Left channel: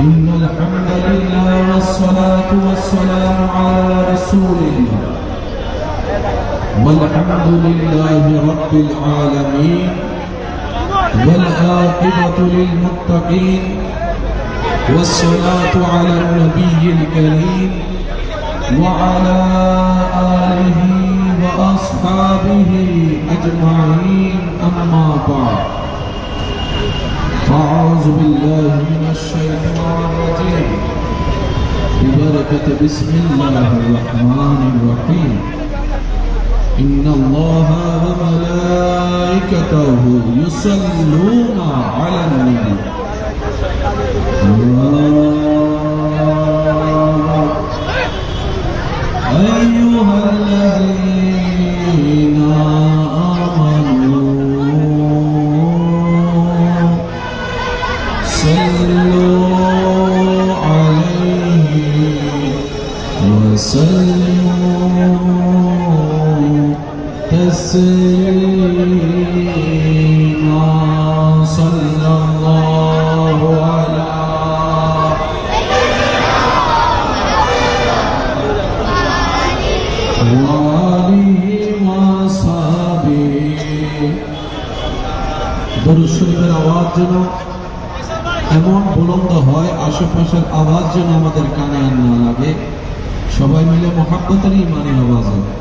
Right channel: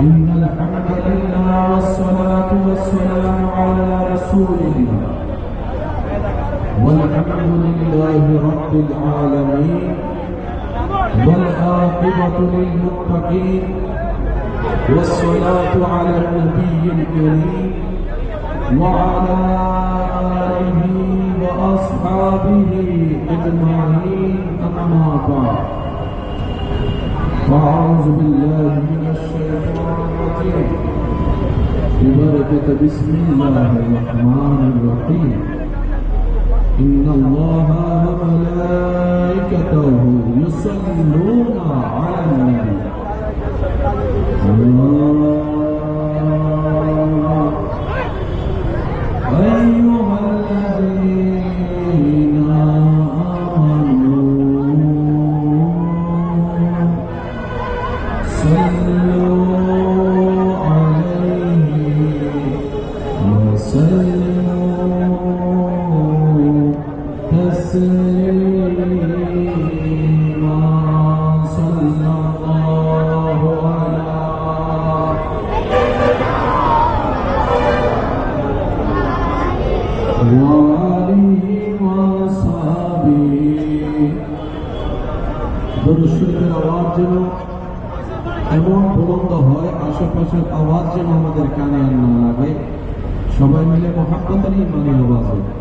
إن الحمد لله والصلاة والسلام على رسول الله والحمد لله رب العالمين والعاقبة للمتقين والصلاة على النبي الكريم وعلى آله وأصحابه أجمعين أما بعد فأعوذ بالله من الشيطان الرجيم ببركة بسم الله الرحمن الرحيم إن الله وملائكته يصلون على النبي أيها الذين آمنوا صلوا عليه وسلموا تسليما صلى الله على وآله وصحبه দরুদ শরীফের আওয়াজ যেন এমন বুলন্দ হয়, আশেপাশের আওয়াজ যেন আমাদের কানে না লাগে। সবাই মিলে মুহাব্বতের ইমানি আওয়াজ হবে।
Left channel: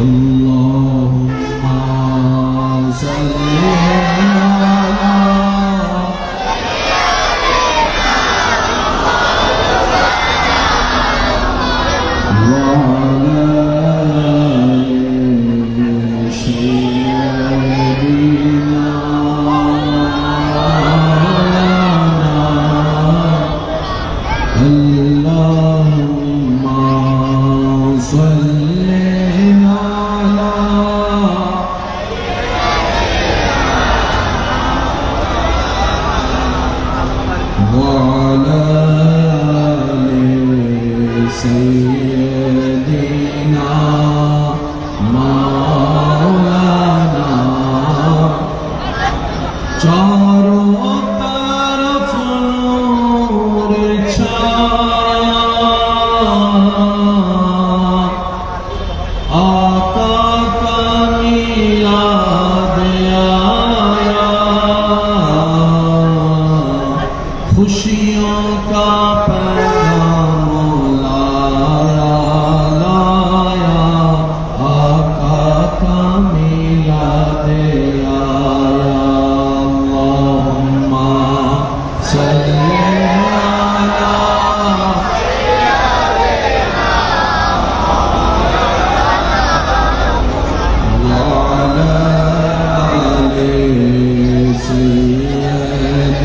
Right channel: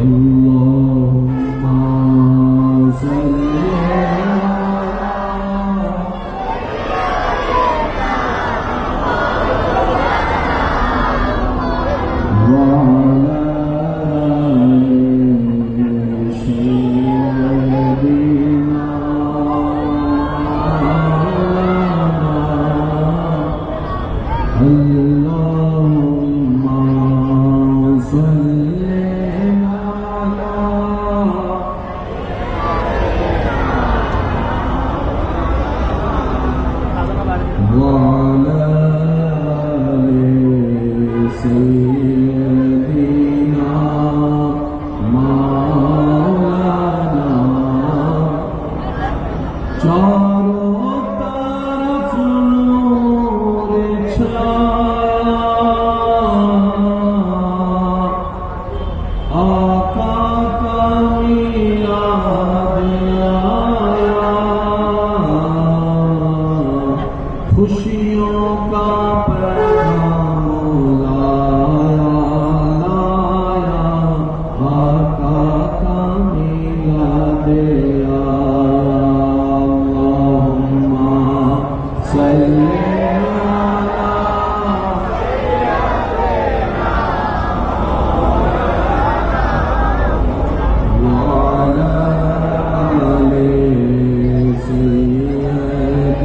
আল্লাহুম্মা সাল্লি खुशियों का पैगाम लाया, आका का मिलाद आया। अल्लाहुम्मा सल्ली अला व अला आलि सय्यिदना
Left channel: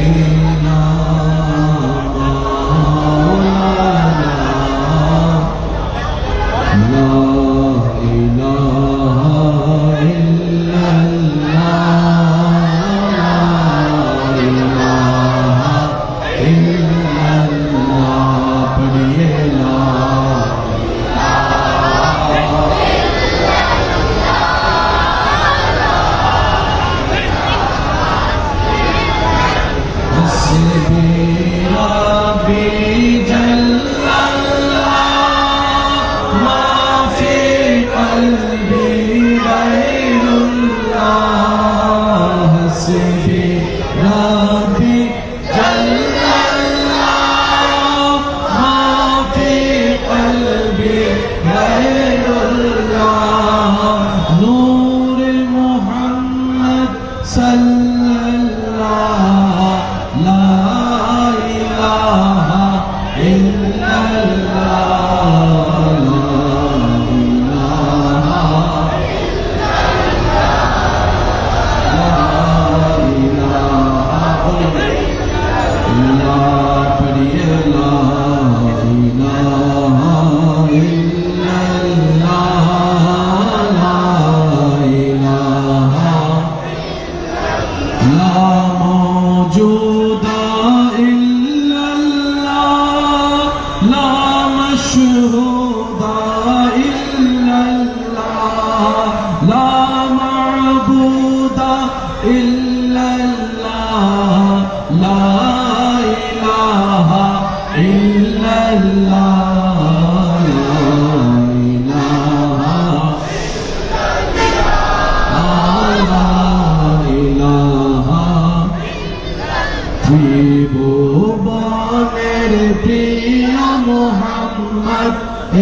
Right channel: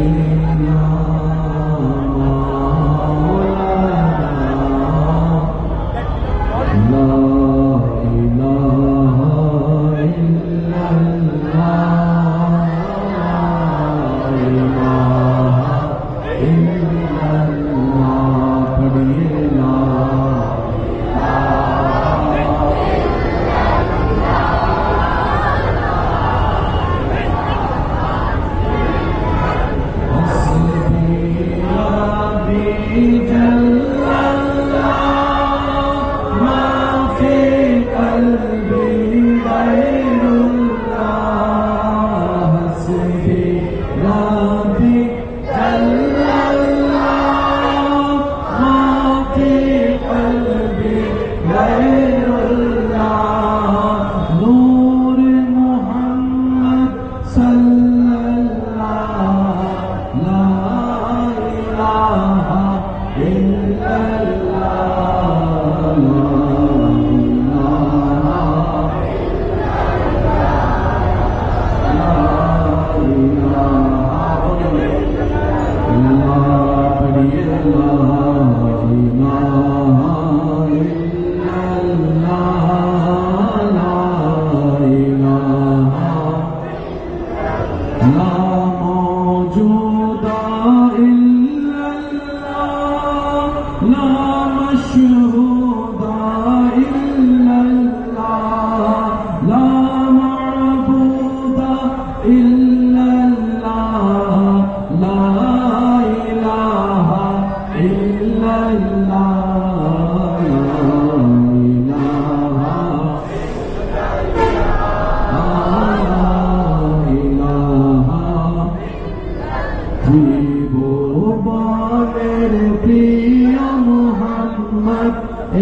ত্রিভুবনের প্রিয় মোহাম্মদ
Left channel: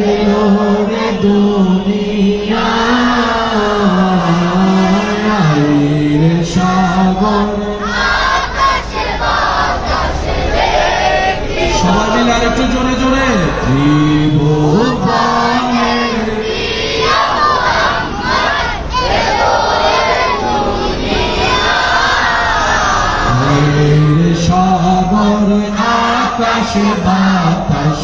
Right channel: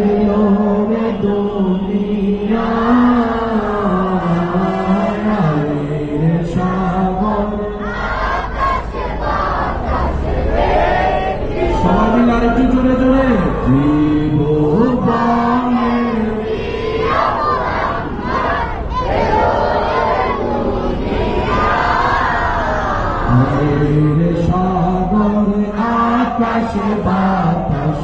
এলো রে দুনিয়ায় রে সাগর সবাই মিলে আরেকটু জোরে জোরে ত্রিভুবনের রে সাগর আকাশ বাতাস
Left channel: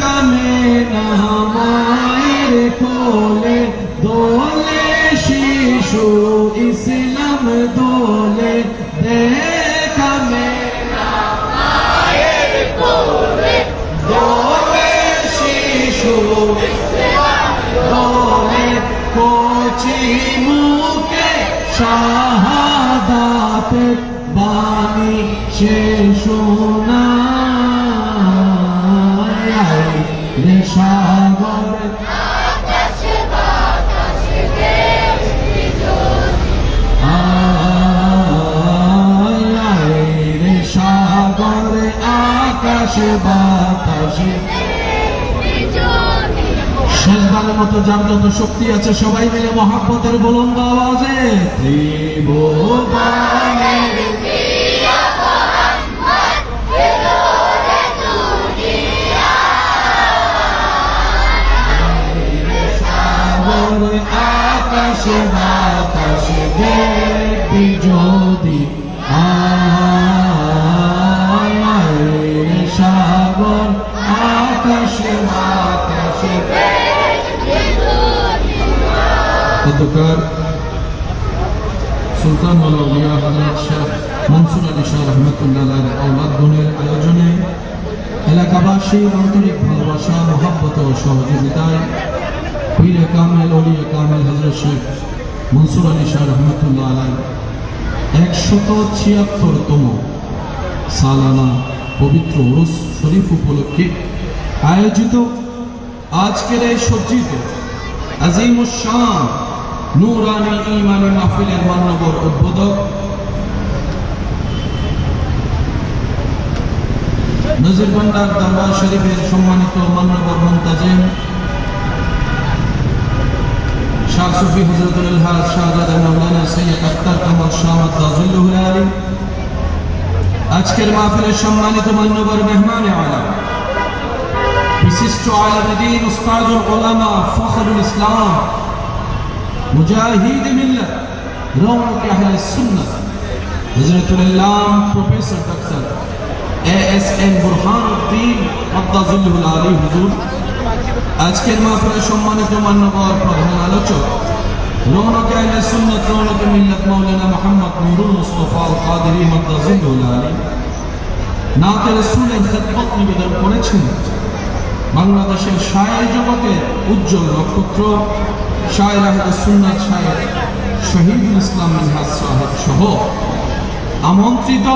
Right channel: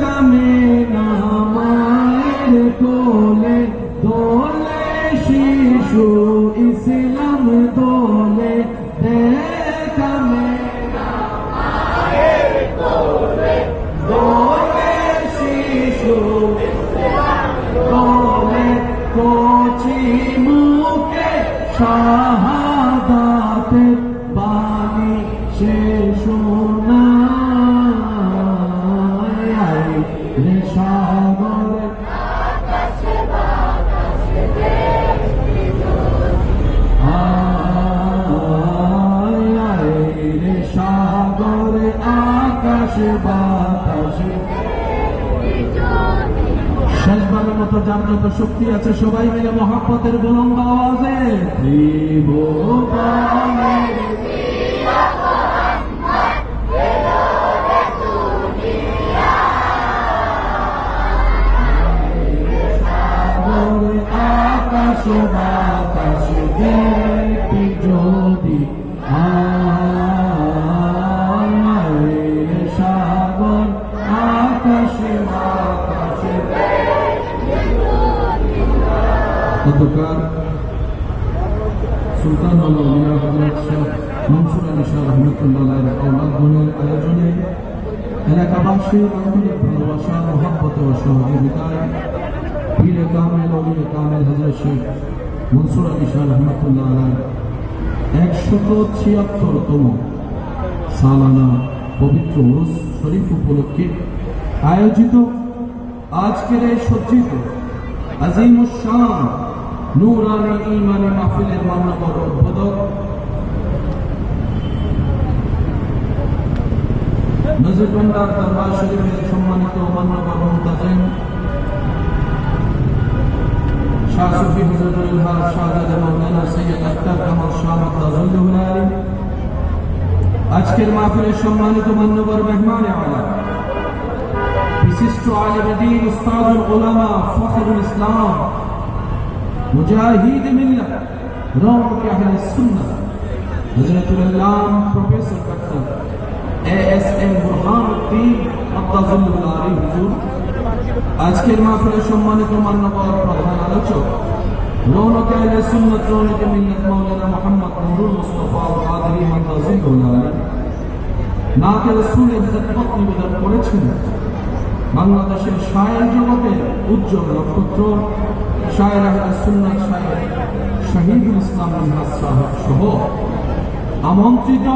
কামে না মায়ের কোলে দোলে শিশু ইসলাম দোলে কামে না মায়ের কোলে দোলে শিশু ইসলাম দোলে কোচি মুখে শাহাদাত বাণী সে শোনা রে সাগর আকাশ বাতাস রে সাগর আকাশ বাতাস শেষবারের মতো যার যত শক্তি আছে সবাই মিলে মহাব্বতের বুলন্দ আওয়াজে ত্রিভুবনের আকাশ বাতাস দেখবি যদি সাগর আকাশ বাতাস গতকাল সুলতান আউলিয়া হযরত শাহ মনসুর আলী শাহ রহমাতুল্লাহ আওলাদ গণের আয়োজনে এলাকাবাসীর আন্তরিক ভালোবাসা মহব্বত ও সহযোগিতায় পীরে কামেল ওলিয়ে কামেল হযরত শেখ মনসুর আলী শাহ রহমাতুল্লাহ আলাইহি 176তম সালানা পবিত্র উরুস শরীফ উপলক্ষে আয়োজিত আজকের এই সজ্জিত আজিমুশ শান নূরানী ঈমানী মাহফিলের মাননীয় উদ্বোধক নজিরবন্দার দরবার শরীফের সম্মানিত মাননীয় মুন্তাজিম শাহ সুফি হযরতুল হাজ শাহজাদা মাওলানা সৈয়দ আখতার কামাল শাহ তাজিল্লুহুল আলী আজকের মাহফিলের সম্মানিত মাননীয় মেহমান আলা বিশিষ্ট আলেম দ্বীন উস্তাদুল উলামা ফখরুল ইসলাম মুজাহিদ মিল্লাত রওনক আহলে সুন্নাহ হযরতুল আল্লাম professor doctor ASM Burhanuddin Abdullahul Ali হুজুর আজকের মাহফিলের সম্মানিত মাননীয় প্রধান আলোচক রওনক আহলে সুন্নাহ রওনক মিল্লাত মাওলানা মুহাম্মদ নুরুল মুস্তাফা আল কাদেরী আব্দুল্লাহুল আলী নাতে রাসূলের খিদমত নিবেদন করেছেন বাংলাদেশের শায়ের জগতের উজ্জ্বল নক্ষত্র শায়ের আহলে সুন্নাত শায়ের শহীদুল ইসলাম মিনহাজ সাহেব সহ আমন্ত্রিত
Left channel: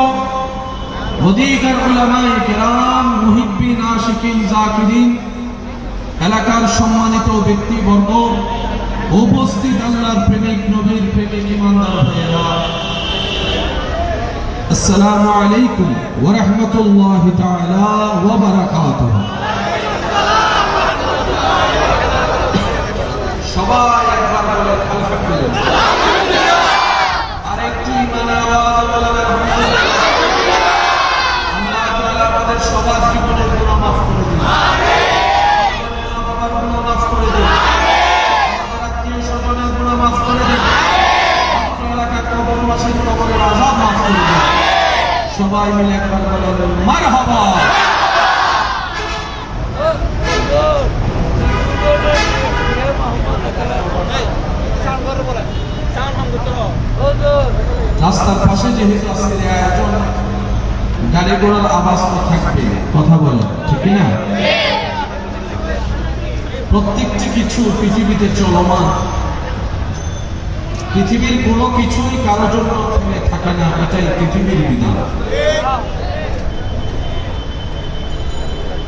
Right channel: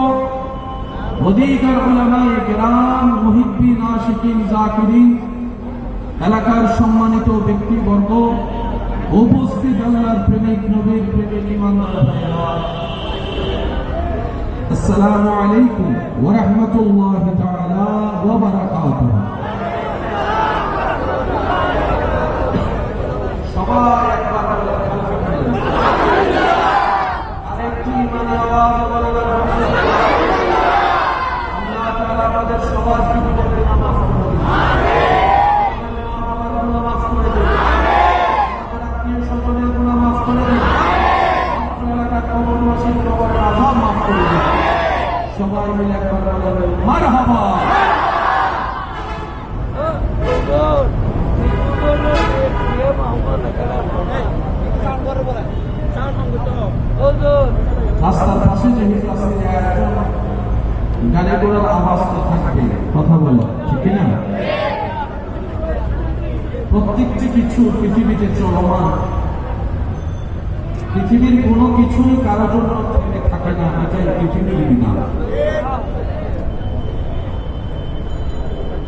অধিকার উলামায়ে কেরাম মুহিব্বিন আশিকিন জাকিরিন এলাকার সম্মানিত ব্যক্তিবর্গ উপস্থিত আল্লাহর প্রেমিক নবীর প্রেমিক ইমানদার ভাইয়েরা আসসালামু আলাইকুম ওয়া রাহমাতুল্লাহি তাআলা ওয়া বারাকাতুহু সবাই একবার বলে আলহামদুলিল্লাহ আরেকটু ইমানের আওয়াজ বলে আলহামদুলিল্লাহ আল্লাহ তাআলা আমাদের সবার জীবনের গুনাহ মাফ করে দিন আমিন আমার গুনাহ মাফ করে দিন আমিন আমার আত্মীয় স্বজনের গুনাহ মাফ করে দিন আমিন এলাকার কবরবাসীর কবরের আযাব মাফ করে দিন সবাই মিলে একবার বলে মারহাবা রাস্তার পাশে যেহেতু আজকের আয়োজন গাড়ি ঘোড়ার আওয়াজ তো থাকবে কথা বলে ঠিক না প্রত্যেকটি কিছু পৃথিবীতে চলমান পৃথিবীর কোনো কিছুই কারোর জন্য থেমে থাকে না এটাই পৃথিবীর বিধান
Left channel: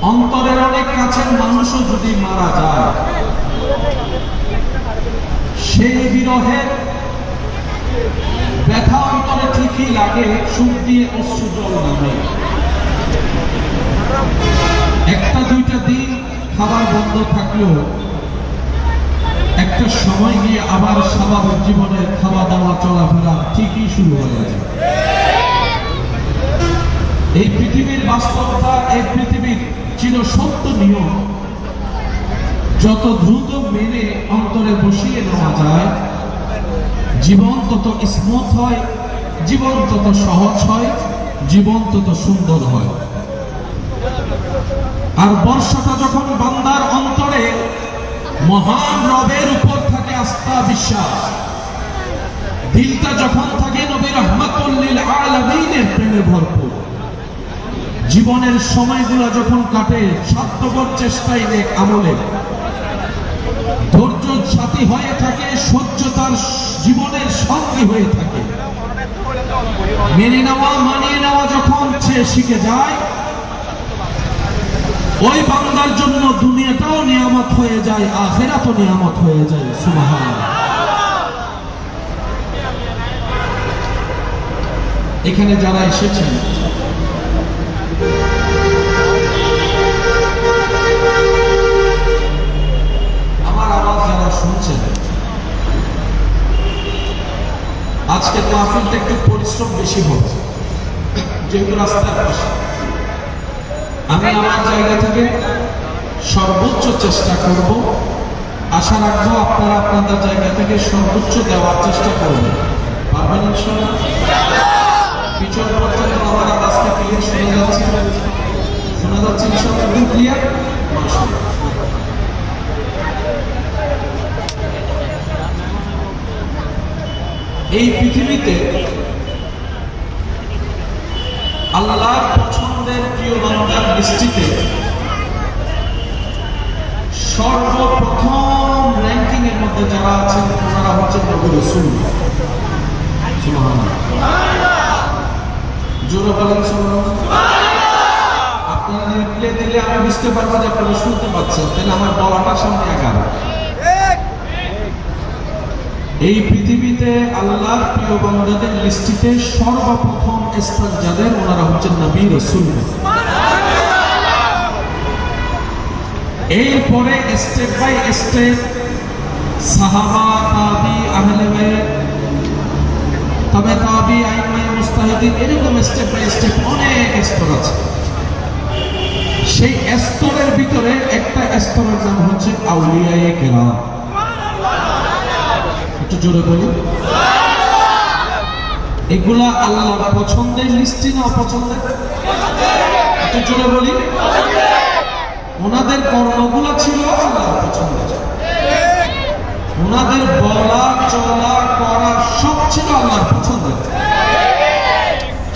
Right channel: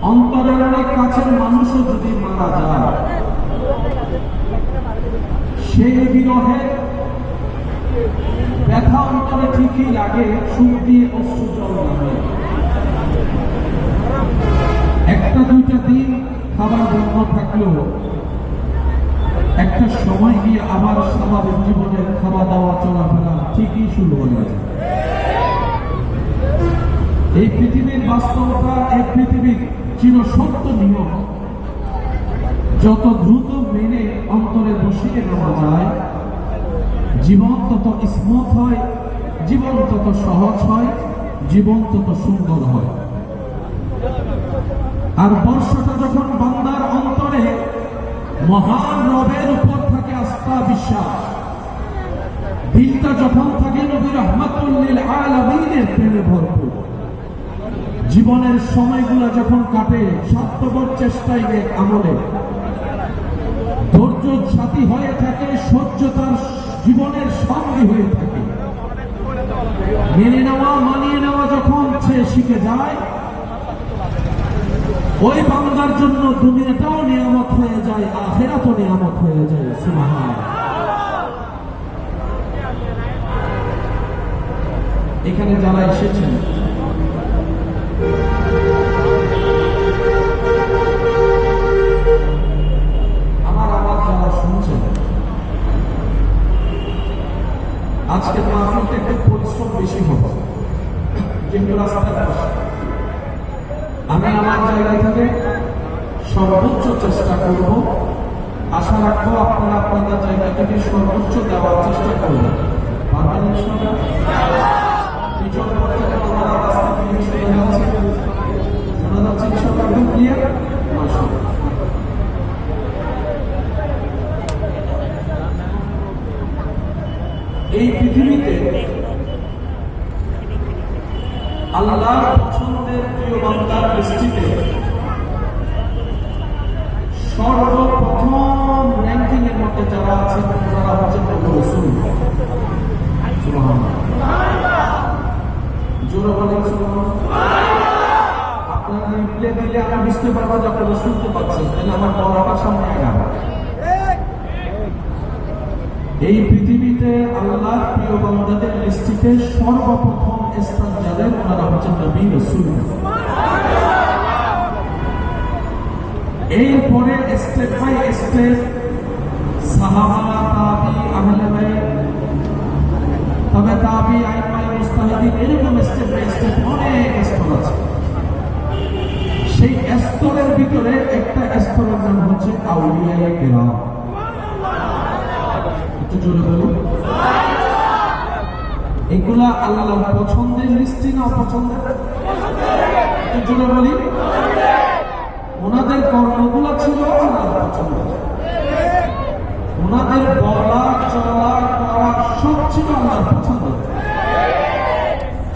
অন্তরের অনেক কাছের মানুষও যদি মারা যায় সেই বিরহে ব্যথা অন্তরে ঠিকই লাগে, সুখ দিয়ে অশ্রু জল নামে। একটা দুইটা দিন খাবার বন্ধ থাকলেও একটা সময় গিয়ে আবার স্বাভাবিক জীবনের খাওয়া দাওয়া চলাফেরা ঠিকই শুরু হয়ে যায়। এই পৃথিবীর বাস্তবতা, এই পৃথিবীর চিরসত্য নিয়ম যত দ্রুত মেনে অন্তরে বসিয়ে নেওয়া যায়, জীবন তত স্মুথ হয়, জীবন তত সহজ হয়, জীবন তত সুন্দর হয়। আর বর্ষাটা যখন বান্দার অন্তরে মহান রবের উপর থাকে আস্থা বিশ্বাস, দিলটা যখন থাকে নবী রাহমাতুল লিল আলামিনের প্রেমে ভরপুর, জীবনের সময়গুলো যখন কাটে স্বার্থপর চেষ্টায় নেক আমলে, ধৈর্য সাথী হয়ে থাকে, সহ্য তার জীবনের সঙ্গী হয়ে থাকে, মেনে নেওয়া মানিয়ে নেওয়া যখন সে শিখে যায়, ওই বান্দার জন্য দুনিয়াটাও নিয়ামত হয়ে যায়, আখিরাতও নিয়ামত হয়ে যায়। সুবহানাল্লাহ। এখানে যারা এসেছেন আমার আওয়াজ যারা শুনছেন, আজকে মাহফিলটা একটু পরিশ্রম বেশি হচ্ছে, যেগুলো রাস্তার পাশে। আমি আমার জায়গা থেকে সর্বোচ্চ চেষ্টা করব, আশা রাখবো আপনারা আপনাদের জায়গা থেকে সর্বোচ্চ দেওয়ার চেষ্টা করবেন। পারবেন ইনশাআল্লাহ? পিছন পর্যন্ত আমার কাছ থেকে শোনা যাচ্ছে ইনশাআল্লাহ? ক্লিয়ার? এই পৃথিবীতে আল্লাহর পছন্দের প্রিয় বান্দার লিস্টিতে সর্বপ্রথম র্যাঙ্কিং এর মধ্যে যারা আছেন তারা হচ্ছেন নবী রাসূল। সুবহানাল্লাহ। জোরে বলেন সুবহানাল্লাহ। আপনারা রিপ্লে দিলে আমি বুঝতে পারবো যে আপনারা শুনতে পাচ্ছেন, তাহলে আমার বলাটা সামনে আগাবে। এই পৃথিবীতে আল্লাহর প্রিয় বান্দাদের লিস্টিতে সর্বপ্রথম স্থান যাদের, ওনারা হচ্ছেন নবী রাসূল। এরপরে স্টেপ বাই স্টেপ সাহাবা, তাবি, আহলে বাইত, তবে তাবি, আইম্মায়ে মুজতাহিদিন, এরকম স্টেপ বাই স্টেপ অনেক স্তর আছে। সেই স্তরের ভিতরে একটা স্তরের নাম হচ্ছে আউলিয়ায়ে কেরাম। একটু জোরে বলি। এগুলা আল্লাহর পছন্দের লিস্টে না অপছন্দের? একটু জোরে বলি। ওনাদের কর্মগুলো ছিল আল্লাহর পছন্দের, ওনাদের বলা চলা করা সব ছিল আল্লাহর পছন্দের।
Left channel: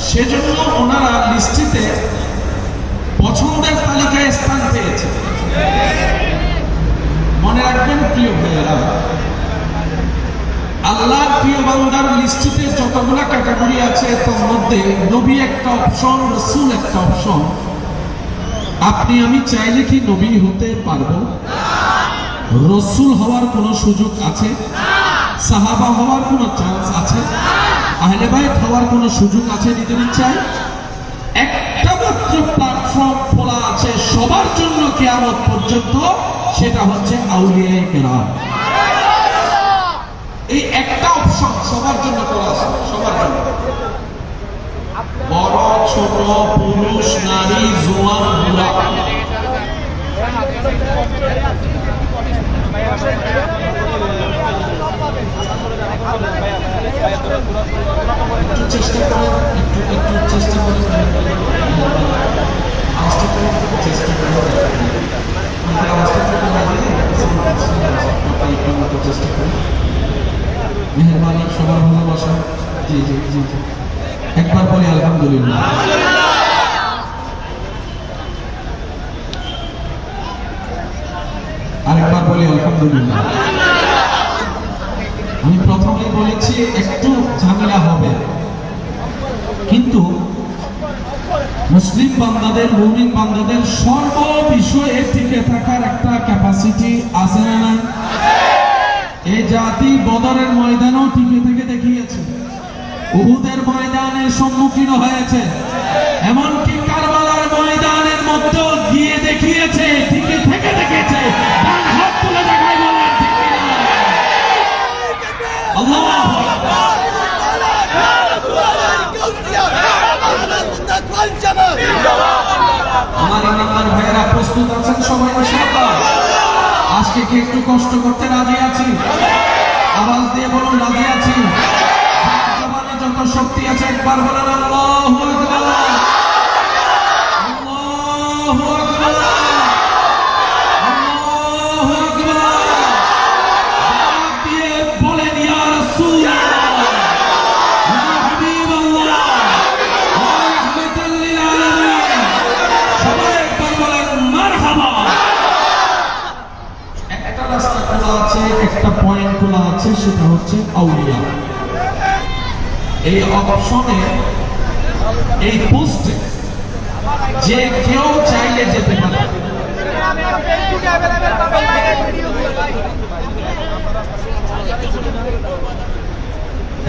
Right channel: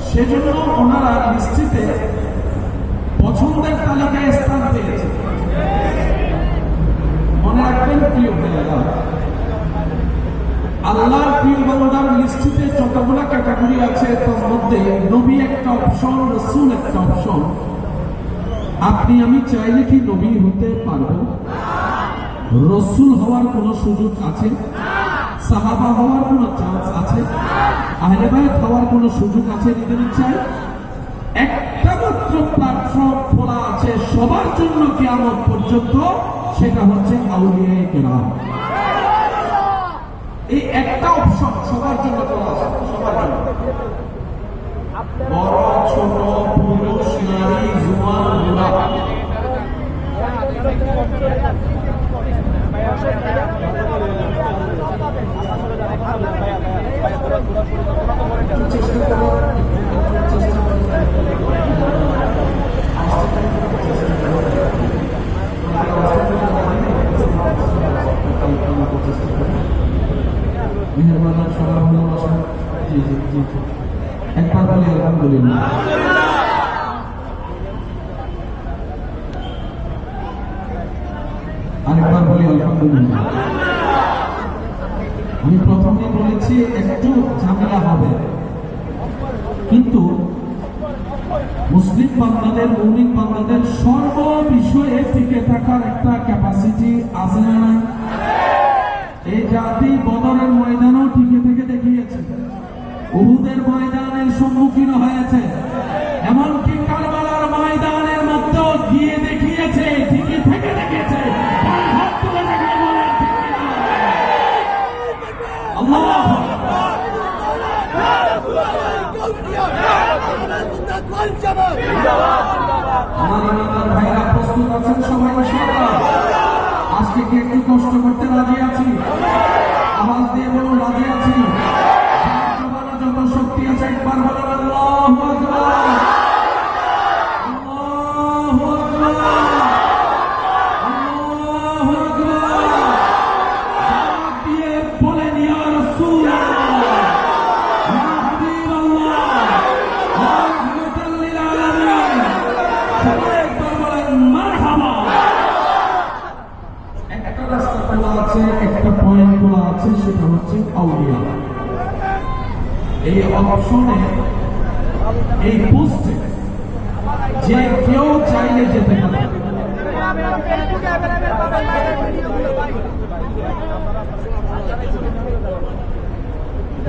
সেজন্য ওনারা লিস্টিতে পছন্দের তালিকায় স্থান পেয়েছে। মনে রাখবেন প্রিয় ভাইয়েরা, আল্লাহর প্রিয় বান্দার লিস্টিতে যতগুলা ক্যাটাগরি আছে তার মধ্যে নবী একটা অপশন, রাসূল একটা অপশন। আপনি আমি চাইলে কি নবী হতে পারবো? রাসূল হওয়ার কোনো সুযোগ আছে? সাহাবা হওয়ার কোনো চান্স আছে? আহলে বাইত হওয়ার কোনো সুযোগ আছে নিজের ইচ্ছায়? একটা মাত্র প্ল্যাটফর্ম খোলা আছে সবার জন্য কিয়ামত পর্যন্ত, সেটা হচ্ছে আউলিয়ায়ে কেরাম। এই একটা অপশন সবার জন্য খোলা আছে, সবার জন্য। বড় ছোট, পুরুষ নারী, জওয়ান বুড়া, চেষ্টা করো, একটু চেষ্টা করো, মেহরবানি, সবার ভালোবাসা। জি জি জি জি, একবার বলি আলহামদুলিল্লাহ। আরেকবার বলি আলহামদুলিল্লাহ। আমি প্রথমে বলেছি একটু ঝামেলা হবে, কিন্তু মুসলিম বান্দাদের, মুমিন বান্দাদের সর্ব বিষয়ে টিকে থাকার একটা ক্যাপাসিটি আছে না? এই জাতি বদরের ময়দানেও টিকে থেকে দেখিয়েছে। ময়দানের সম্মুখীন হয়েছে, এমনকি কারবালার ময়দানের মধ্যে গিয়ে দেখিয়েছে, ঠিকই থেকে দেখেছে। ডান হাত তুলে দেখায়, বলেন ঠিক কিনা? আল্লাহু আকবার। আমার ইমানদার ভাইয়েরা প্রস্তুত আছেন সবাই ইনশাআল্লাহ? আজকে কি একটু কষ্ট করতে রাজি আছি? আওয়াজ দিয়ে বলুন রাজি আছি। যত শক্তি আছে একবার বলেন আল্লাহু আকবার, আল্লাহু আকবার, আল্লাহু আকবার। জবাব দিয়ে বলেন ইয়া রাসূলুল্লাহ, ইয়া হাবিবাল্লাহ, ওয়া রাহমাতাল লিল আলামিন। সবাই একবার বলেন মারহাবা। একটা রাস্তা খোলা আছে, একটা পয়েন্ট খোলা আছে, সেটা হচ্ছে আউলিয়া। এই অপশনে, এই পোস্টে যে কেউ চাইলে যেতে পারে।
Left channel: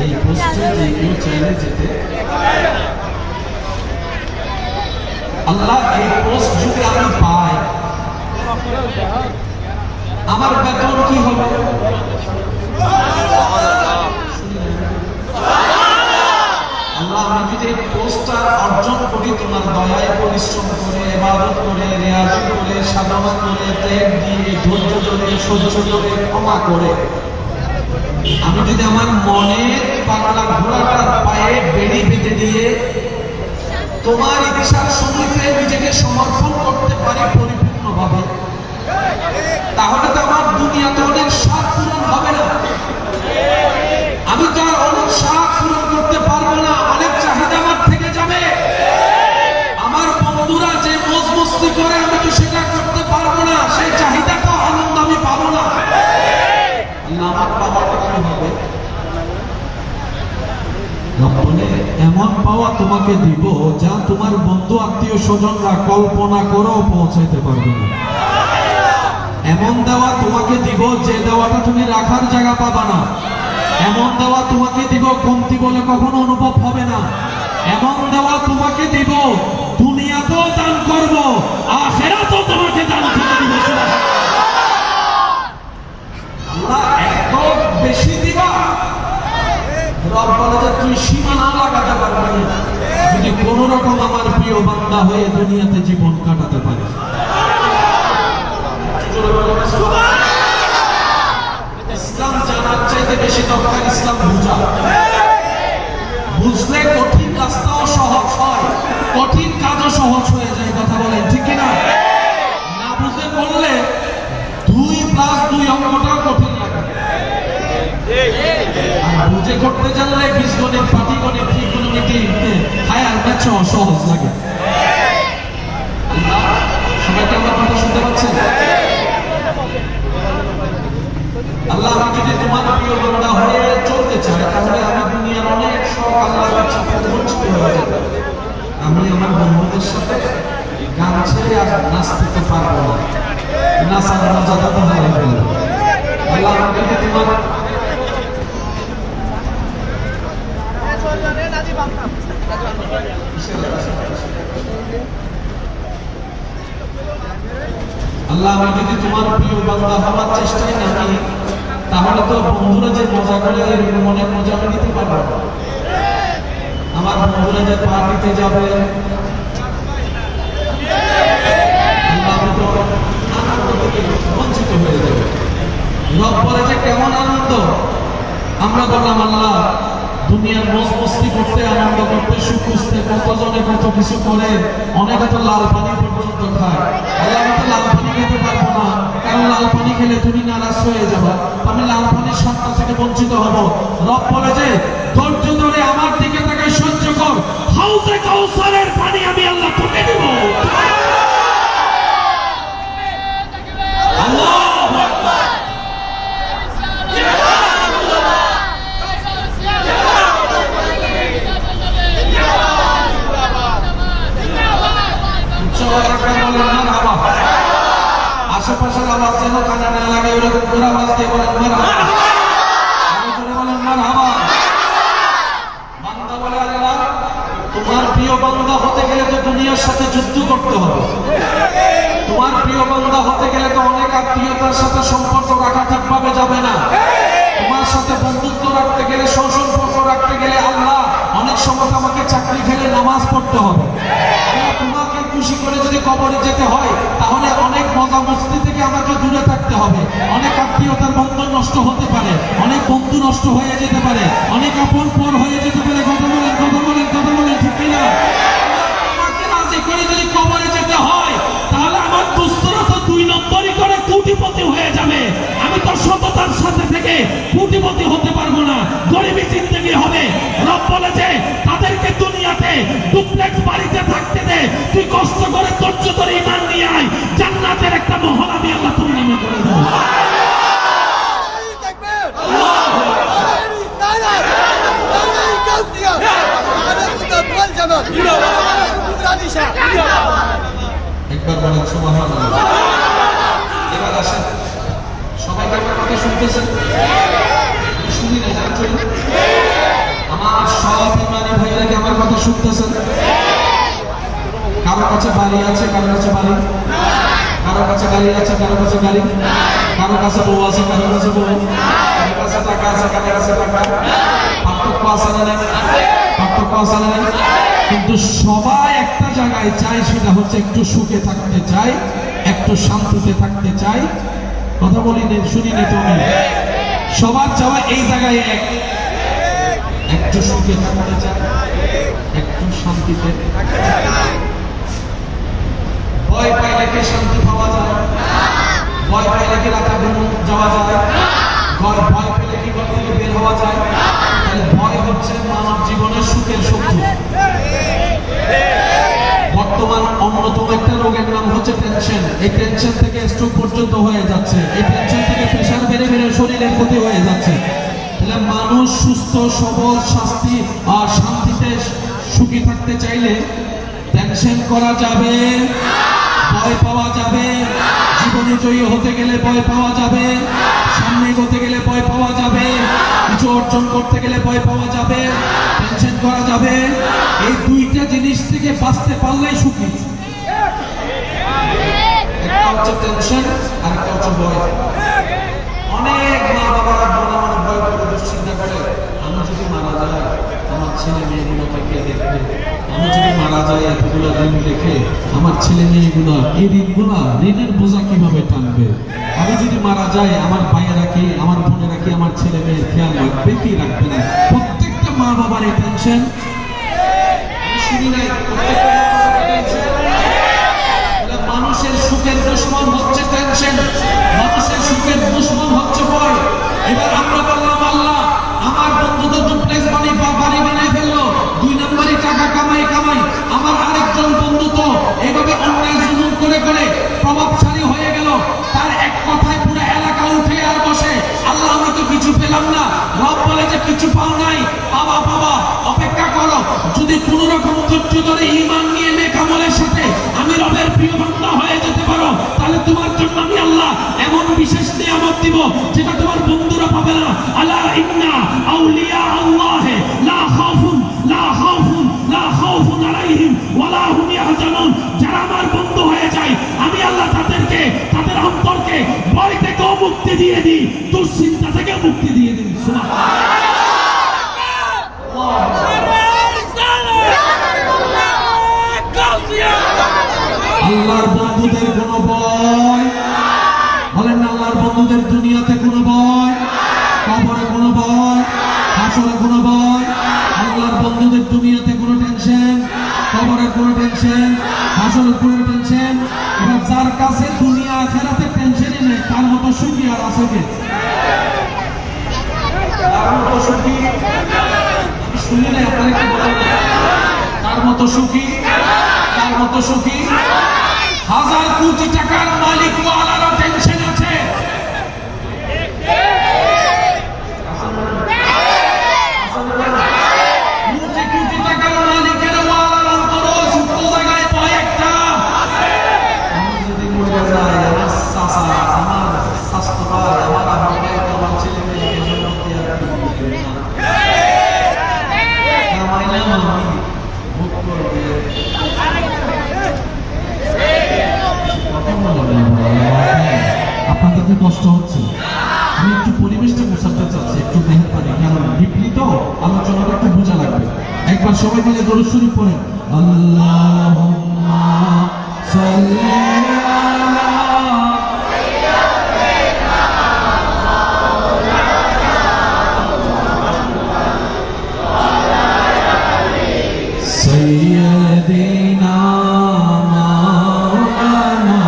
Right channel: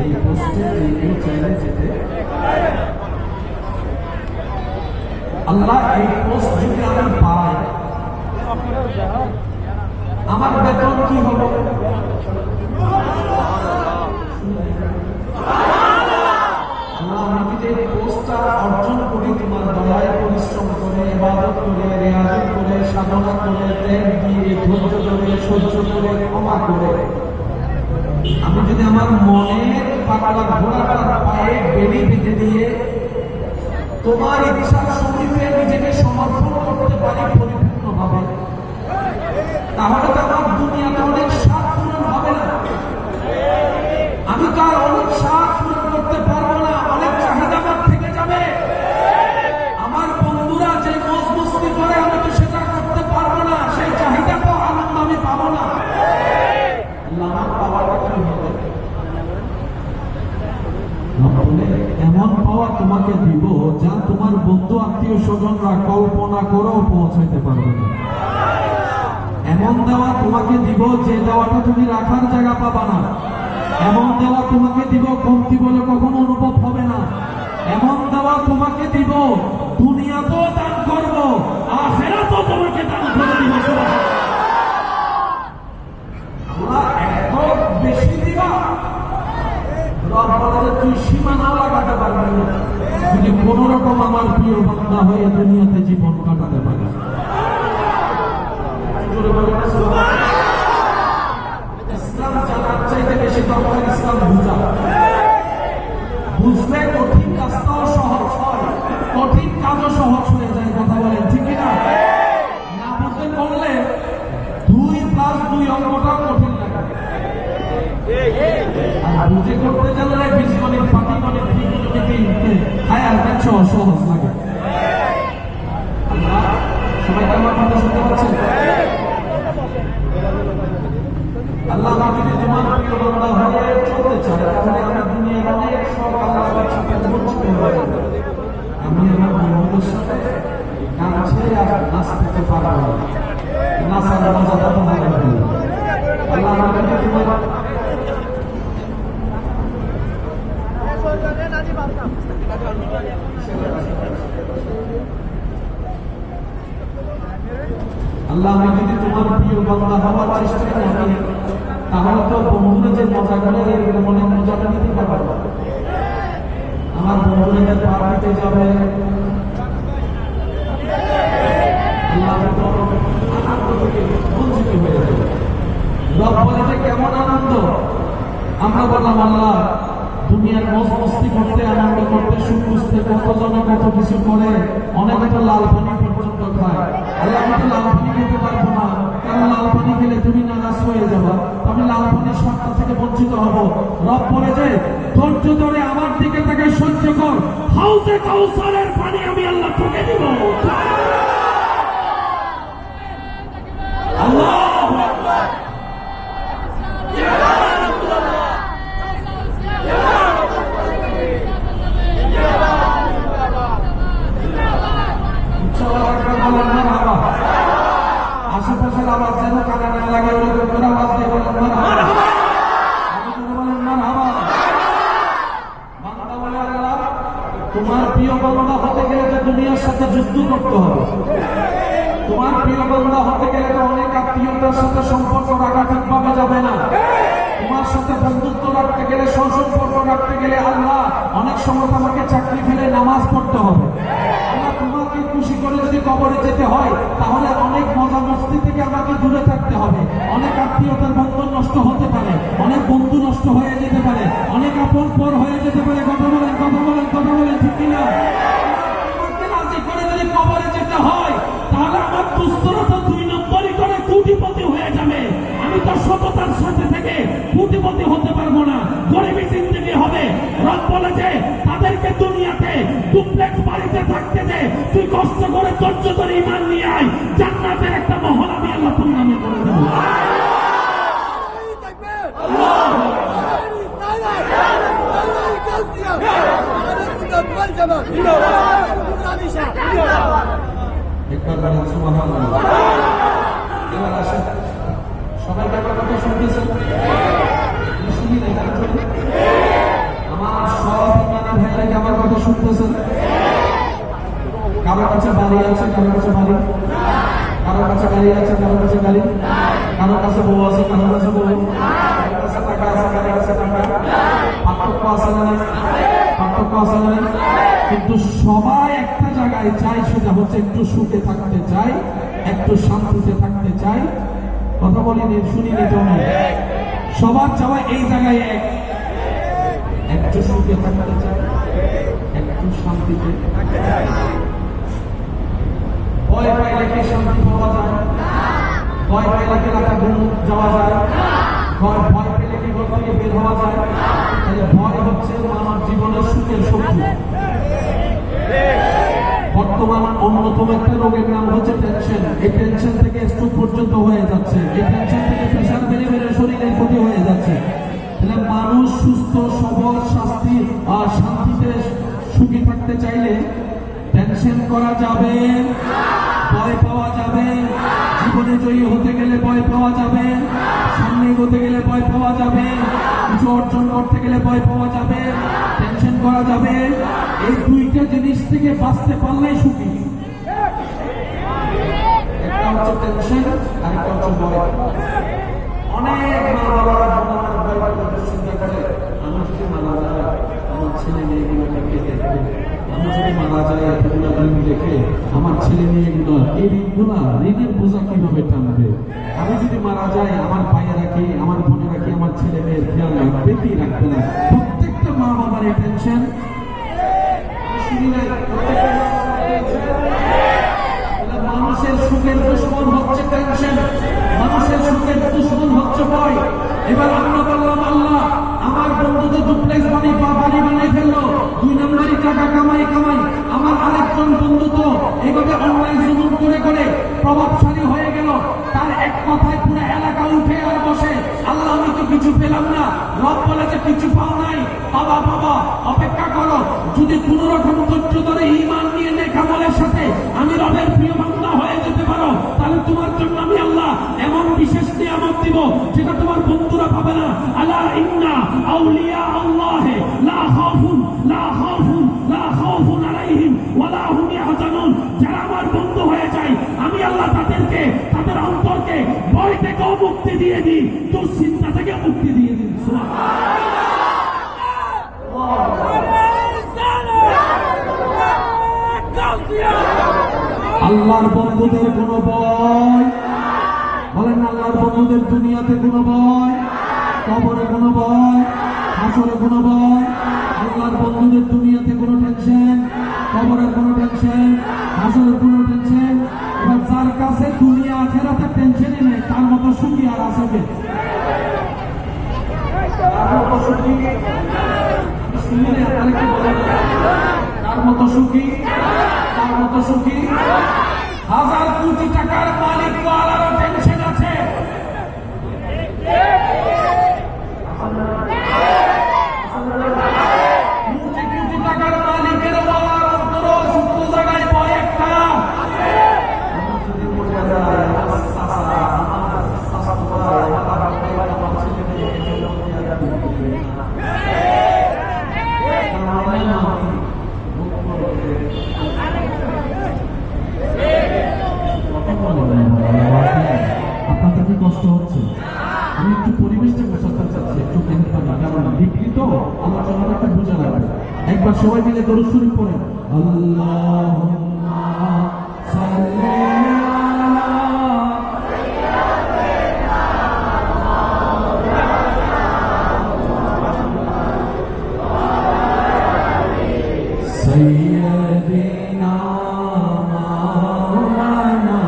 এই পোস্টে যে কেউ চাইলে যেতে, আল্লাহ এই পোস্ট যদি আমরা পাই, আমার বেতন কি হবে? আমি যদি পোস্টটা অর্জন করি তোমার দয়ায়, পরিশ্রম করে, ইবাদত করে, রিয়াজত করে, সাধনা করে, ত্যাগ দিয়ে, ধৈর্য ধরে, সহ্য করে, ক্ষমা করে, আমি যদি আমার মনের পাগলা ঘোড়াটার পায়ে বেড়ি বেঁধে দিয়ে তোমার ইচ্ছার সমীপে নিজেকে সমর্পণ করতে পারি পরিপূর্ণভাবে, তাহলে তো আমার দুনিয়াতে অনেক স্বাদ পূরণ হবে না। আমি তো আর অনেক স্বাদ পূরণ করতে পারবো না, অনেক চাহিদা আমার থেকে যাবে। আমার বন্ধুরা যে মজ মস্তি করে, আমি তো সেটা করতে পারবো না, সেই চাহিদা তো আনন্দ আমি পাবো না। আমার পাওয়াটা কি হবে? এমন পাওয়া তোমাকে দিব যা তোমার বন্ধু আত্মীয় স্বজনরা কল্পনা করেও পৌঁছাইতে পারবে না। এমন দেওয়া তোমাকে দিব যে দেওয়াটা তুমি রাখার জায়গা পাবা না। এমন দেওয়া তোমাকে দিব কমতি বলে কখনো অনুভব হবে না। এমন দেওয়া তোমাকে দিব দুনিয়াতেও দান করব, আখিরাতেও তোমাকে দান করে দিব। আল্লাহ এত বেশি দিবা, রব বলে যে তুই সীমানা লাগাতে পারবি না যদি কোন রকম আমার প্রিয় বান্দা হয়ে দুনিয়াতে জীবন কাটাতে পারে। ইসলাম জানার চাইতে বেশি দরকার ইসলাম বুঝা। বুঝলে কঠিন রাস্তাও সহজ হয়, কঠিন কাজও সহজ হয়ে যায়। কথা বলেন ঠিক কিনা? না বুঝে বললে 2+2 অঙ্কটাও কঠিন লাগে। আর বুঝে করতে জানলে বীজগণিত, পাটিগণিত, ত্রিকোণমিতি, হায়ার ম্যাথ সহজ লাগে। সবাই কি আমার কথা শুনতে পাচ্ছেন? আল্লাহ যদি তোমার প্রিয় বান্দা হয়ে চলতে চায়, তাহলে আমি দুনিয়ার অনেক শখ আল্লাহর কাছে বঞ্চিত হয়ে যাব। আমি আমার বন্ধুদের সাথে গান ছেড়ে আর নাচতে পারবো না, নাচার মজাটা তো হবে না। আল্লাহ যদি তোমার আল্লাহ আমি যদি তোমার প্রিয় বান্দা হওয়ার চেষ্টায় নাকি, তাহলে তো বন্ধুরা যে মজা করে এরকম অনেক মজা নিতে পারবো। আমার বন্ধুরা যে পার্টিতে যাবে, আল্লাহ তো আনন্দ থেকে বঞ্চিত হয়ে যাবে। রব বলে যে কেমন আনন্দ? আমরা বললাম আল্লাহ দুনিয়ার মস্তি করতে, আনন্দ করতে, সুখ খুঁজতে কতজনে কত কিছু করে, অনেকে তো লাল পানি পর্যন্ত খায়। আমি তো লাল পানি খেতে পারবো না, কারণ লাল পানি খেলে তুমি নারাজ হয়ে যাবো, আমি লাল পানির স্বাদ থেকে বঞ্চিত হব। রব বলে যে ধৈর্য ধরে আমার দিকে তাকে সহ্য কর, হাউজে কাউসারের পানি আমি আল্লাহ তোকে দেব। আল্লাহু আকবার। আশেপাশের আওয়াজ যেন কানে না লাগে, ওরকম করে আওয়াজ দিয়ে বলেন মারহাবা। তোমার প্রিয় বান্দা হতে গেলে তো দুনিয়ার সাথে যুদ্ধ করতে হবে। তোমার প্রিয় বান্দা হতে গেলে তো অনেক আত্মীয়তার সাথে সম্পর্ক রাখা ঠিকভাবে যাবে না। তোমার সাথে বন্ধুত্ব রাখতে গেলে, সুসম্পর্ক রাখতে গেলে আল্লাহ অনেক সময় আমাকে চাকরি ফেলে নামাজ পড়তে হবে। তোমাকে খুশি করে যদি কবরে যেতে হয়, তাহলে অনেক মজা মস্তি থেকে আমাকে দূরে থাকতে হবে। অনেক আত্মীয়তার বন্ধন নষ্ট হতে পারে, অনেক বন্ধু নষ্ট হয়ে যেতে পারে, অনেক আপন পর হয়ে যেতে পারে। কথা বলেন, কথা বলেন, কথা বলেন, ঠিক কিনা? তোমাকে রাজি করে যদি কবরে যেতে হয়, তাহলে আমার দুস্তরা তো 2 নম্বরই করে কোটিপতি হয়ে যাবে। আমি তো সততার সাথে থেকে কোটিপতি হতে পারবো না, গরিবী জিন্দেগি হবে। রব বলেছে তাদেরকে দুনিয়াতে ডুপ্লেক্স বাড়িতে থাকতে দে, তুই কষ্ট করে ধৈর্য ধরে ঈমান নিয়ে আয়, জান্নাতের একটা মহল আমি আল্লাহ তোর নামে করে দেব। একবার বলেন সুবহানাল্লাহ। এবার আসেন, সবাই আমার কথা শুনতেছেন? শুনি না যাচ্ছেন? আমার সব ইমানি ভাইরা কি আমার কথা শুনতেছেন? কারো কাছে বাড়ি আছে, কারো কাছে বাড়ি, কারো কাছে গাড়ি আছে, কারো কাছে গাড়ি, কারো কাছে বউ আছে, কারো কাছে বউ, কারো কাছে টাকা আছে, কারো কাছে টাকা, পার্থক্য আছে না নাই? পার্থক্য আছে না নাই? কিন্তু সবাই একটা জায়গায় চায়, সেটা হচ্ছে একটু সুখে থাকতে চায়, একটু শান্তিতে থাকতে চায়। কথা বলিনি, শুনিনি তো? সবার চাওয়া এই জায়গায় একটু সুখে থাকতে চায়, একটু শান্তিতে থাকতে চায়। ভয় পাইলে কি শান্তি পাওয়া যায়? ভয় পাইলে কি রাতে ঘুম যাওয়া যায়? ভয় পেলে কি ঘর থেকে বের হওয়া যায়? তাহলে ভয় হচ্ছে আমার জীবনের সুখের শত্রু। বর্তমান অন্যতম একটা রোগের নাম হচ্ছে টেনশন। এই টেনশন থেকে স্ট্রোক পর্যন্ত হয়ে যাচ্ছে, এই টেনশন থেকে প্রেশার বেড়ে বেড়ে শরীরের ক্ষতি হয়ে যাচ্ছে। তাহলে মানুষ সুস্থ সবল শান্তি আর শান্তিতে সুখী থাকতে চাইলে টেনশন করা যাবে, ভয় পাওয়া যাবে। জীবনে জয়ী হতে গেলে ভয় পাওয়া যাবে, সামনে এগোতে গেলে ভয় পাওয়া যাবে, কিছু অর্জন করতে গেলে ভয় পাওয়া যাবে, টেনশন করা যাবে। এই দুইটা জিনিস থেকে বাঁচতে পারলেই সুখী। একটা হচ্ছে টেনশন, আর একটা হচ্ছে ভয়। অনেক মা বাবারা ভয় করে চিন্তা করে, আমি যদি মারা যায় আমার ছেলে মেয়েগুলোকে কে দেখবে? আমি যদি মারা যায় এতগুলো ঋণ রেখে আমার ছেলে মেয়েগুলো এই ঋণগুলা, ঋণের বোঝা কিভাবে টানবে? আমি যদি মারা যাই আমার ভাইয়েরা কি, আমার বোনেরা কি আমার ছেলে মেয়ের খেয়াল রাখবে কি রাখবে না? প্রত্যেকটা মা বাবার এই টেনশন। শুনি নাই? মানুষের সুখের দুশ্মন হচ্ছে টেনশন, মানুষের সুখের দুশ্মন হচ্ছে ভয়। এবার আমরা বললাম আল্লাহ আমার বন্ধু তো ডুপ্লেক্স বাড়ি বানিয়ে ফেললো, 2 নম্বরই টাকা কামাই। আমার আরেকজন বন্ধু তো এভাবে অন্যায় জুলুম করে করে প্রভাবশালী হয়ে গেল, তার এক কথায় পুরো এলাকা উঠে আর বসে। আল্লাহ আমি তো কিছু পেলাম না। রব বলে যে কিছু পাও নাই, বাবা অপেক্ষা করো। যদি কোন রকম ধৈর্য ধরে ঈমান নিয়ে নেক আমলের সাথে আমি রবের প্রিয় বান্দা হয়ে যেতে পারো, তাহলে তোমার জন্য আমি আল্লাহ এমন বিশেষ নিয়ামত দিব যেটা তোমার বন্ধুরা পাবে না। আলা ইন্না আউলিয়া আল্লাহ লা খাউফুন আলাইহিম ওয়ালা হুম ইয়াহজানুন। যারা আমার বন্ধু হয়ে যায় আমি আল্লাহ তাদেরকে, তাদের অন্তরকে ভয় থেকে মুক্তি দিয়ে দিই, দুশ্চিন্তা থেকে মুক্তি দিয়ে দিই। আল্লাহর বন্ধুদের কোনো ভয় বলেন না, আল্লাহর বন্ধুদের দুনিয়াতে কোনো ভয়, কবরে কোনো ভয়, হাসরে কোনো ভয়। আল্লাহর বন্ধুদের দুনিয়াতে কোনো টেনশন, কবরের কোনো টেনশন, হাসরের কোনো টেনশন। এবার যার কাছে দুনিয়া আখিরাতের টেনশনই নেই, তার মতো সুখী আর আছে কে? তার মতো সুখী শুনি না, তার মতো সুখী, তার মতো সুখী। 1000 কোটি টাকার মালিক ওয়ালারা টেনশন আছে। কোটি টাকার মালিকের ওয়ালার অন্তর সুপ্ত জায়গায় ভয় একটা। আমি যদি মরে যাই আমার চাচা, আমার শাশুড়ি, আমার ছেলে মেয়েকে ভোগ করবে। আপনার কাছে কষ্ট হচ্ছে, আমি একটু পরিবেশটা বোঝাতে চাচ্ছি, একটু দেখতে পারি, কারণ ডিপলি তো আলোচনাটা একটু বোঝা লাগবে। একবার সবাই মিলে দরুদ শরীফ পড়েন, আল্লাহুম্মা সাল্লি আলা সাইয়্যিদিনা মাওলানা,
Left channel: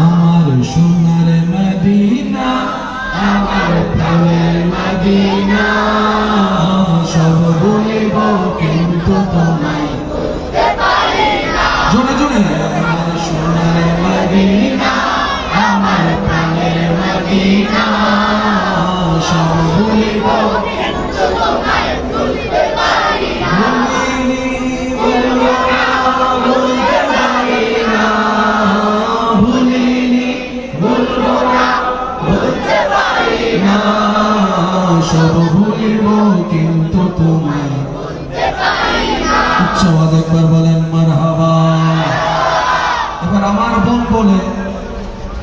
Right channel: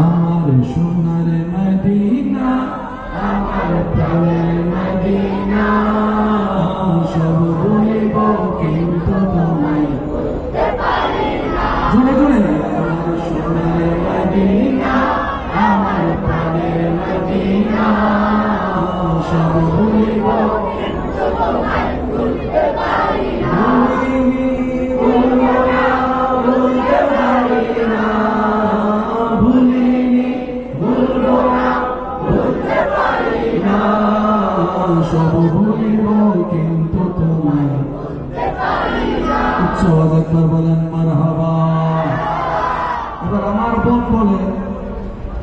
আমার সোনার মদিনা, আমার প্রাণের মদিনা, সব ভুলিব কিন্তু তোমায় ভুলতে পারি না। জোরে জোরে, আমার সোনার মদিনা, আমার প্রাণের মদিনা, সব ভুলিব কিন্তু তোমায় ভুলতে পারি না। ভুলতে পারি না, ভুলিনি, ভুলবো না, ভুলতে পারি না, সব ভুলিব কিন্তু তোমায় ভুলতে পারি না। উচ্চ আওয়াজে একবার বলেন মারহাবা। এবার আমার বোন বলে,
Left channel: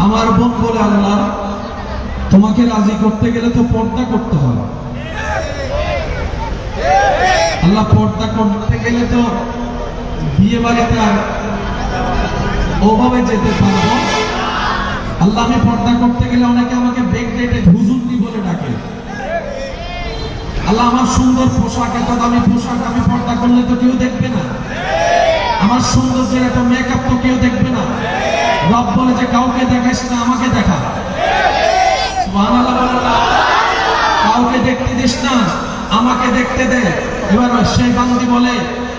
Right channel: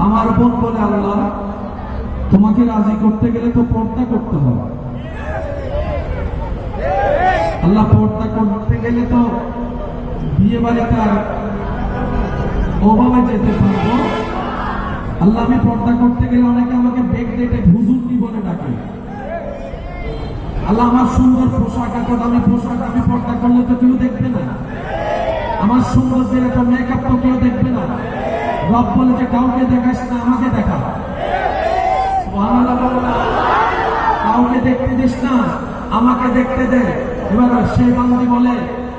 আমার বোন বলে, আল্লাহ তোমাকে রাজি করতে গেলে তো পর্দা করতে হয়। আল্লাহ পর্দা করতে গেলে তো বিয়ে বাড়িতে আর ওভাবে যেতে পারবো। আল্লাহ আমি পর্দা করতে গেলে অনেকে আমাকে বেগ ডেটে হুজুরনি বলে ডাকে। আল্লাহ আমার সুন্দর পোশাক, এত দামি পোশাক আমি পর্দা করলে তো কেউ দেখবে না। আমার সৌন্দর্যের এত মেকআপ তো কেউ দেখবে না। রব বলে যে কাউকে দেখাইস না, আমাকে দেখা। সুবহানাল্লাহ বলো না, কাউকে দেখতে দিস না, আমাকে দেখতে দে। এবার সেই বান্দি বলে,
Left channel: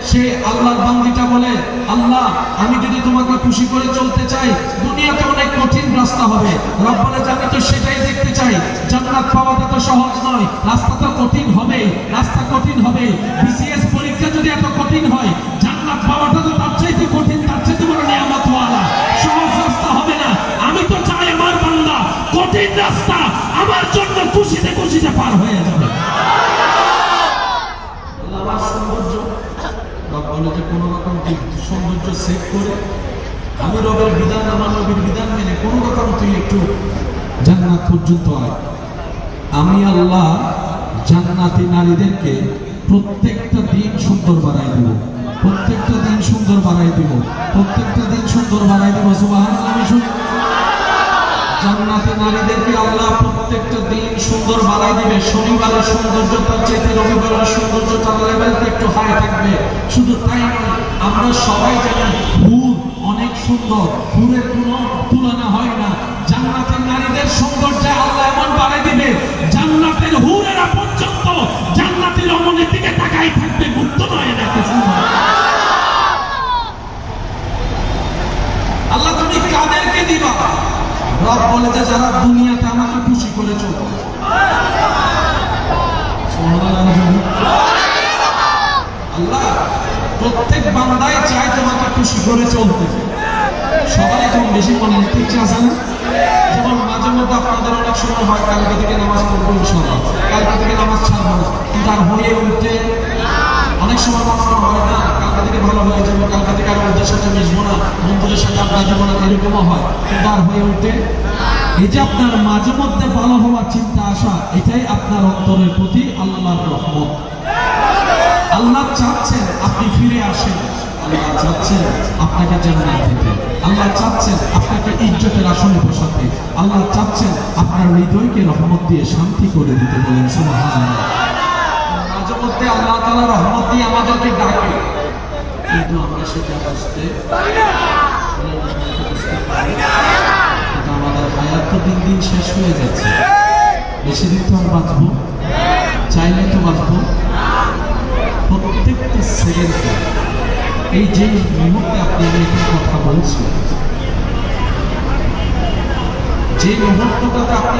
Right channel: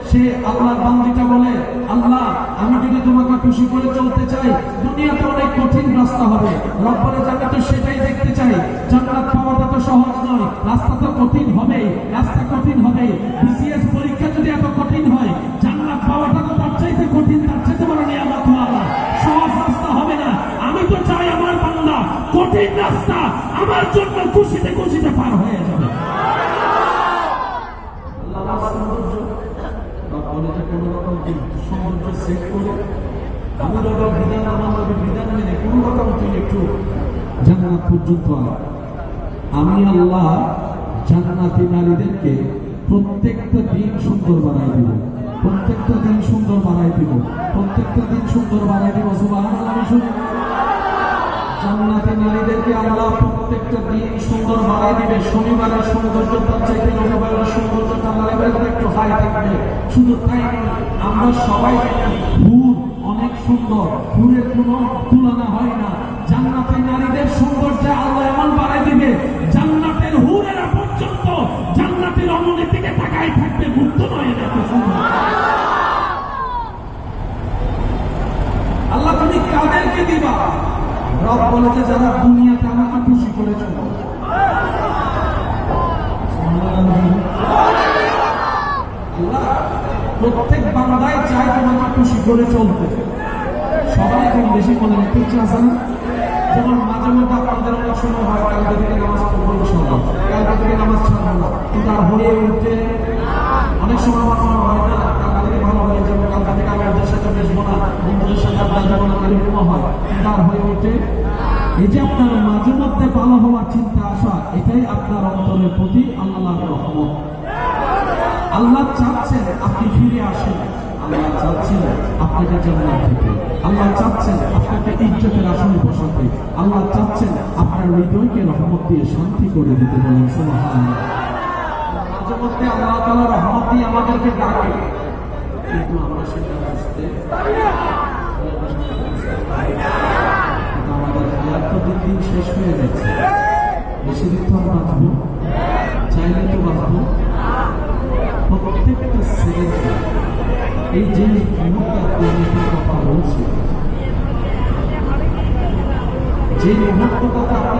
সে আল্লাহর বান্দিটা বলে, আল্লাহ আমি যদি তোমাকে খুশি করে চলতে চাই, দুনিয়াতে অনেক কঠিন রাস্তা হবে। রব বলে যে আমি তো সেটাই দেখতে চাই। জান্নাত পাওয়াটা তো সহজ নয়, রাস্তা তো কঠিন হবে, রাস্তা কঠিন হবে। বিসিএস পরীক্ষা যদি এত কঠিন হয়, জান্নাত পাওয়াটা তো তার চাইতে কঠিন, তার চাইতে বড় নিয়ামত ওয়ালা। সহজ রাস্তা হবে না। আমি তো চাই আমার বান্দা কঠিন রাস্তা আমার জন্য খুশিতে খুশিতে পার হয়ে যাবে। বলে যে কোনো রকম সৌন্দর্য সেভ করে আমি রবের বিধান, আমার নবীর বিধান মেনে কোনো রকম তুই একটু জান্নাত পর্যন্ত আয়। আমি আল্লাহ জান্নাতি নারীদেরকে প্রত্যেকটা দিন সুন্দর বানাই দিব, প্রত্যেকটা দিন সুন্দর বানাই দিব, প্রত্যেকটা দিন সুন্দর বানাই দিব। সুবহানাল্লাহ। আমি শুনি জান্নাতি নারীদেরকে আল্লাহ প্রত্যেকটা দিন সুন্দর বানাই দিবে। শনিবারের সৌন্দর্য তার চাইতে রবিবারের সৌন্দর্য তার লেভেলটা একটু হাই থাকবে। শুধু তাই নয়, আমরা সবাই জানি হুর অনেক সুন্দর, হুরের কোনো তুলনা হয় না। জান্নাতি নারীদের সৌন্দর্যে আল্লাহ এমন বানাই দিবে, জান্নাতের হুরেরা পর্যন্ত জান্নাতের রমণীর দিকে তাকাই থাকবে, মুক্ত নয় দেখে। আল্লাহ তুমি কাদেরকে দিবা? রব বলে যে যারা দুনিয়াতে আমাকে খুশি করে চলবে। আল্লাহ প্রত্যেক বান্দাই চায় তোমাকে খুশি করে চলতে। সবাই কম বেশি মনে রাখতে ইচ্ছা আছে না? যেমন মাঝে মধ্যে আপনাদের অনেক সময় হয় কালকে থেকে নামাজ পড়বো ইনশাআল্লাহ, কালকে থেকে নামাজ ছাড়বো না, কিন্তু আর হয়ে উঠতে অনেক সময় মনে হয় না কালকে থেকে ভালো হয়ে যাবে, কালকে থেকে আর ওদের সাথে মিশবো না, বন্ধুদের সাথে আপনার যাবো না, এরকমও হয়। কিন্তু আর হয়ে উঠতে এই যে আপনার মাঝে মধ্যে ভালো হওয়ার চিন্তা আসা, এটাই আপনার অন্তরের প্রতি আল্লাহর রহমত। আল্লাহ চাচ্ছেন আপনি ফিরে আসেন, আল্লাহ চাচ্ছেন আপনাকে জান্নাত দিতে, আল্লাহ চাচ্ছেন আপনাকে ইজ্জতের আসনে বসাতে, আল্লাহ চাচ্ছেন আপনার হৃদয়কে রহমত দিয়ে শান্তি করে দিতে। বলেন সুবহানাল্লাহ। মাঝে মধ্যে আল্লাহ তাআলা রহমত দিয়ে আমাদেরকে ডাকে, কিন্তু আমরা সেটা বুঝতে পারি না। আমাদের হায়াত তো দিন দিন শেষ হয়ে যাচ্ছে, বেশি দিন তো বাঁচবো, চাইলে তো বাঁচবো। প্রত্যেকটা সেকেন্ডে এই যে মুহূর্তে আপনি কথা বলছি, যে মুহূর্তটাতে আপনি